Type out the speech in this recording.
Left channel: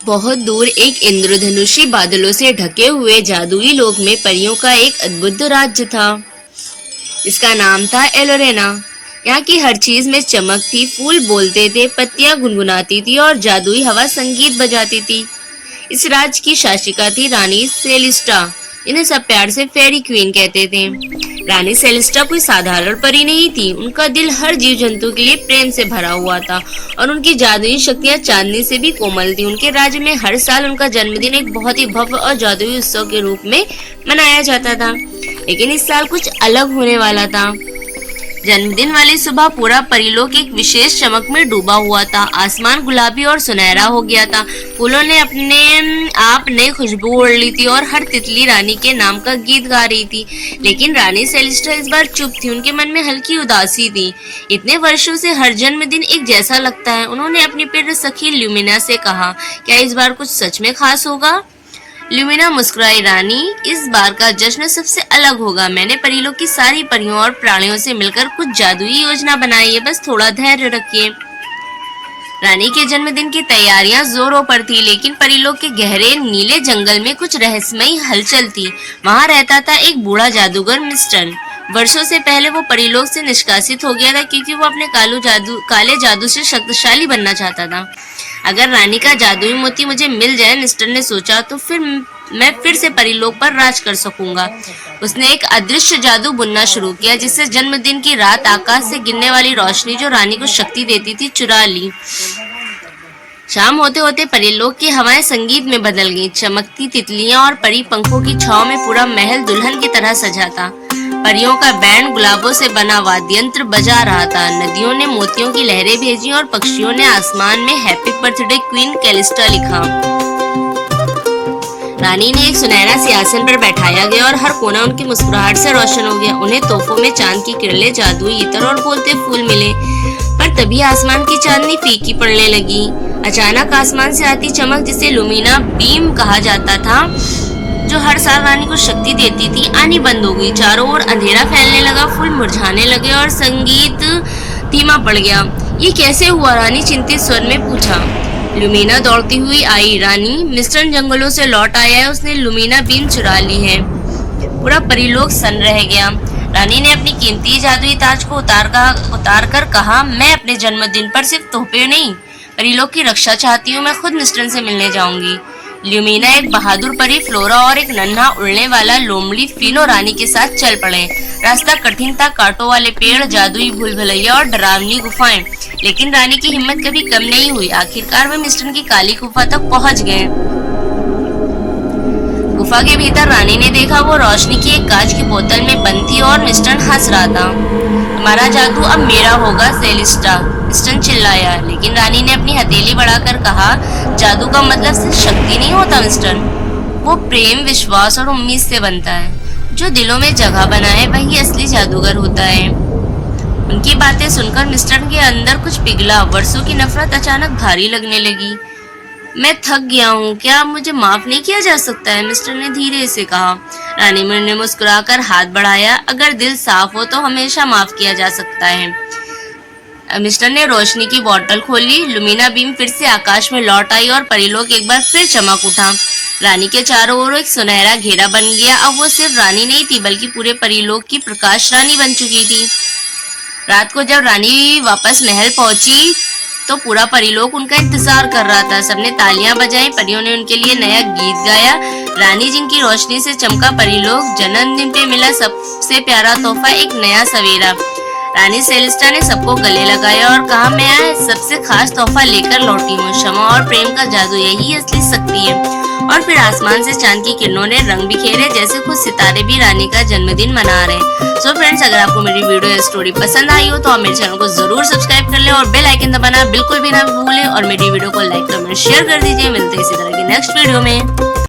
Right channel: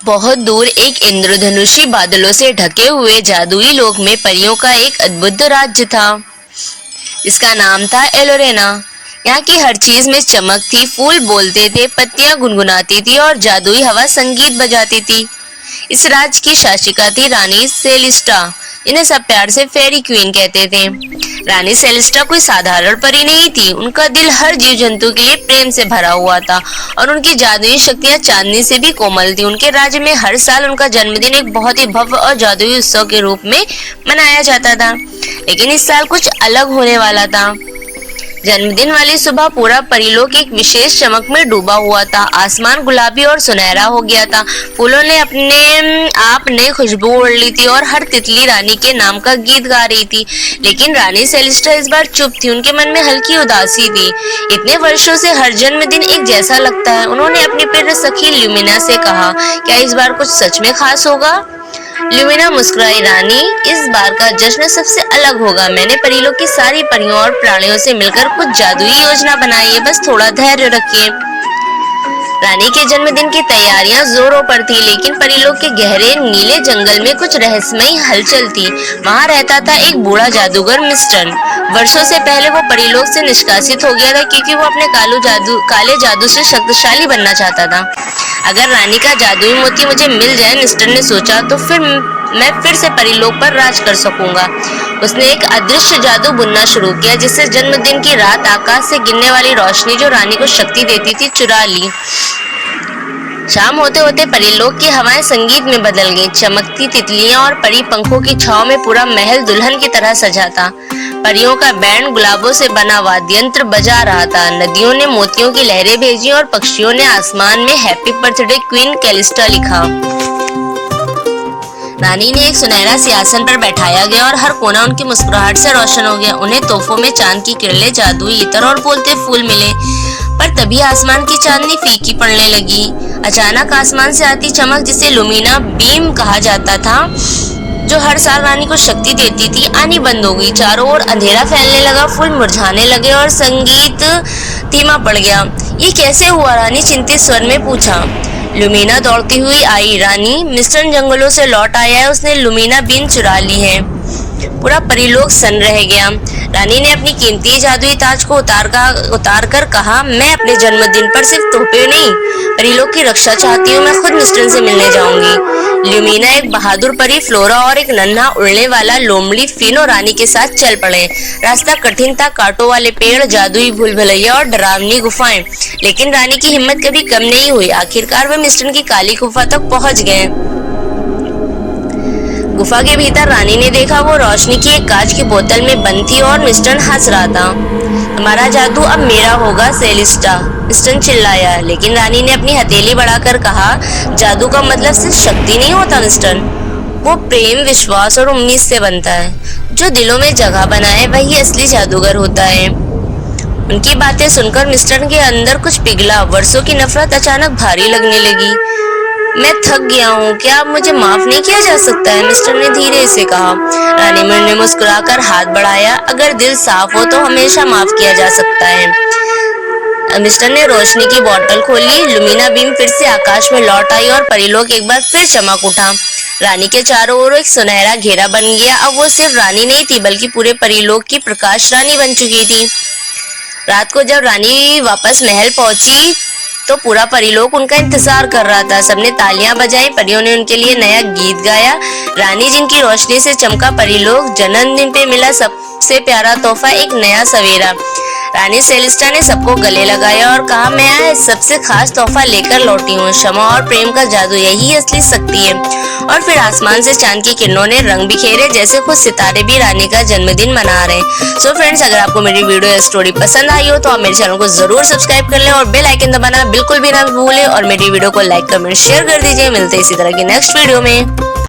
बहुत दूर एक इंद्रधनुषी बादलों से ढके हुए जादुई लोक में परियों का एक अद्भुत राज्य था। इसका नाम था एलोरेना। यहाँ की हर चीज में चमक थी, फूल बोलते थे, पत्तियां गुनगुनाती थी और जादुई हवा संगीत बजाती थी। इस राज्य की शासिका थी रानी सेलिस्टा। इन्हें सब प्यार से फेरी क्वीन कहते थे। रानी सेलिस्टा कोई साधारण परी नहीं थी। उनका दिल हर जीव जंतु के लिए प्रेम से भरा हुआ था और उनकी जादुई शक्तियां चांदनी से भी कोमल थी। उनके राज्य में हर साल उनका जन्मदिन एक बहुत ही भव्य और जादुई उत्सव के रूप में मनाया जाता था, लेकिन इस साल कुछ अलग होने वाला था। जन्मदिन वाली सुबह पूरा परीलोक एक विशेष चमक में डूबा हुआ था। आसमान गुलाबी और सुनहरा हो गया था। फूलों ने अपने आप ने खुशबू ओढ़ ली थी और हर तितली रानी के नाम का गीत गा रही थी। लेकिन रानी सेलिस्टा इस बार चुप थी। उनके मन में हल्की उदासी थी। इतने वर्षों से हर जन्मदिन एक जैसा लगता है। उन्होंने अपनी प्रिय सखी ल्यूमिना से कहा, क्या इस बार कुछ सच में खास होगा? ल्यूमिना मुस्कुराई, रानी, इस बार का जश्न सबसे अलग होगा। मैंने परीलोक की सारी परियों और प्राणियों से मिलकर कुछ जादुई योजना बनाई है, बस थोड़ा धैर्य रखिए। रानी के जन्मदिन की तैयारियां जोरों पर थी, लेकिन परीलोक के गहरे नीले जंगल में कुछ रहस्यमयी हलचल थी। वहां रहता था एक बूढ़ा जादूगर मिस्टर। वर्षों से पहले वो परीलोक से निष्कासित हो गया था क्योंकि वो अपने काले जादू से शक्तिशाली बनना चाहता था। अगर रानी का जादुई मोती मुझे मिल जाए, मिस्टर ने सोचा, तो फिर मैं फिर से परीलोक पर राज कर सकूंगा। उसने एक अदृश्य जादू बुनना शुरू किया, जिससे जन्मदिन की रात आकाश से गिरने वाली रोशनी जो रानी को शक्ति देती थी चुरा ली। शाम होते होते परीलोक की हवाएं संगीत में बदल गईं। चमकती तितलियां और परी पंखों की छांव में पूरा महल दुल्हन की तरह सजा था। परियों का बैंड गुलाबों से बना वाद्ययंत्र बजा रहा था। नदियों ने मोतियों की लहरें भेजी और पक्षियों ने आसमान में हैप्पी बर्थडे क्वीन कैलिस्टा लिखा। रानी ने एक सुनहरा सिंहासन पर बैठाया गया और हर कोना उनकी मुस्कुराहट से रोशन हो गया। उन्हें तोहफों में चांद की किरणें, जादुई इत्र और बोलते फूल मिले। पर तभी आसमान की चांदनी फीकी पड़ने लगी। अचानक आसमान से आती चमक, जिसे लुमिना बीम कहा जाता था, जो हर साल रानी को शक्ति देती थी, आनी बंद हो गई। चारों ओर अंधेरा फैलने लगा, फूल मुरझाने लगे और संगीत धीमा पड़ गया। ये कैसे हुआ? रानी चिंतित स्वर में पूछा। लुमिना दौड़ती हुई आई। रानी, मिस्टर जंगलों से लौट आया है। उसने लुमिना बीम चुरा ली है। पूरा परीलोक सन्न रह गया। रानी ने अपनी कीमती जादुई ताज को उतार कर कहा, मैं अपने जन्मदिन पर सिर्फ तोहफे नहीं, परीलोक की रक्षा चाहती हूँ। मैं खुद मिस्टर से मिलने जाऊंगी। ल्यूमिना, एक बहादुर परी, फ्लोरा और एक नन्हा उड़ने वाला लोमड़ी फिनो रानी के साथ चल पड़े। रास्ता कठिन था, कांटों वाले पेड़, जादुई भूल-भुलैया और डरावनी गुफाएं, लेकिन रानी की हिम्मत कभी कम नहीं हुई। आखिरकार वे मिस्टर की काली गुफा तक पहुंच गए। गुफा के भीतर रानी ने देखा, वो रोशनी की एक कांच की बोतल में बंद थी और मिस्टर हंस रहा था। तुम्हारा जादू अब मेरा होगा सेलिस्टा, मिस्टर चिल्लाया। लेकिन रानी ने अपनी हथेली बढ़ाकर कहा, जादू का मतलब सिर्फ शक्ति नहीं होता मिस्टर, वो प्रेम, विश्वास और उम्मीद से बनता है। जो दिलों में जगह बनाए वही असली जादूगर होता है। उनकी बातें सुनकर मिस्टर के अंदर कुछ पिघला। वर्षों की नफरत अचानक भारी लगने लगी। मैं थक गया हूँ, क्या अब मुझे माफ नहीं किया जा सकता है? मिस्टर ने धीरे से कहा। रानी ने मुस्कुराकर हाथ बढ़ाया, अगर दिल साफ हो तो हमेशा माफ किया जा सकता है। मिस्टर ने रोशनी की बोतल खोली। लुमिना बीम फिर से आकाश में लौट आई और परीलोक एक बार फिर चमक उठा। रानी के चारों ओर एक सुनहरा घेरा बन गया। अब वो सिर्फ रानी नहीं थी, बल्कि पूरे परीलोक की प्रकाश रानी बन चुकी थी। रात को जब रानी वापस महल पहुंची तो पूरा परीलोक उनका इंतजार कर रहा था। सबने तालियां बजाई, परियों ने उनके लिए नया गीत गाया। रानी, जिनकी रोशनी से चमका परीलोक, जन्मदिन पे मिला सबसे प्यारा तोहफा, एक नया सवेरा। रानी सेलिस्टा ने सबको गले लगाया और कहा, मैं सबसे खास तोहफा लेकर लौटी हूँ, क्षमा और प्रेम का जादू, यही असली शक्ति है। और फिर आसमान से चांद की किरणों ने रंग बिखेरे, जैसे खुद सितारे भी रानी का जन्मदिन मना रहे। सो फ्रेंड्स, अगर आपको मेरी वीडियो या स्टोरी पसंद आई हो तो आप मेरे चैनल को जरूर सब्सक्राइब कर ले और बेल आइकन दबाना बिल्कुल भी ना भूलें और मेरी वीडियो को लाइक, कमेंट, शेयर कर दीजिए। मिलते हैं इसी तरह की नेक्स्ट वीडियो में।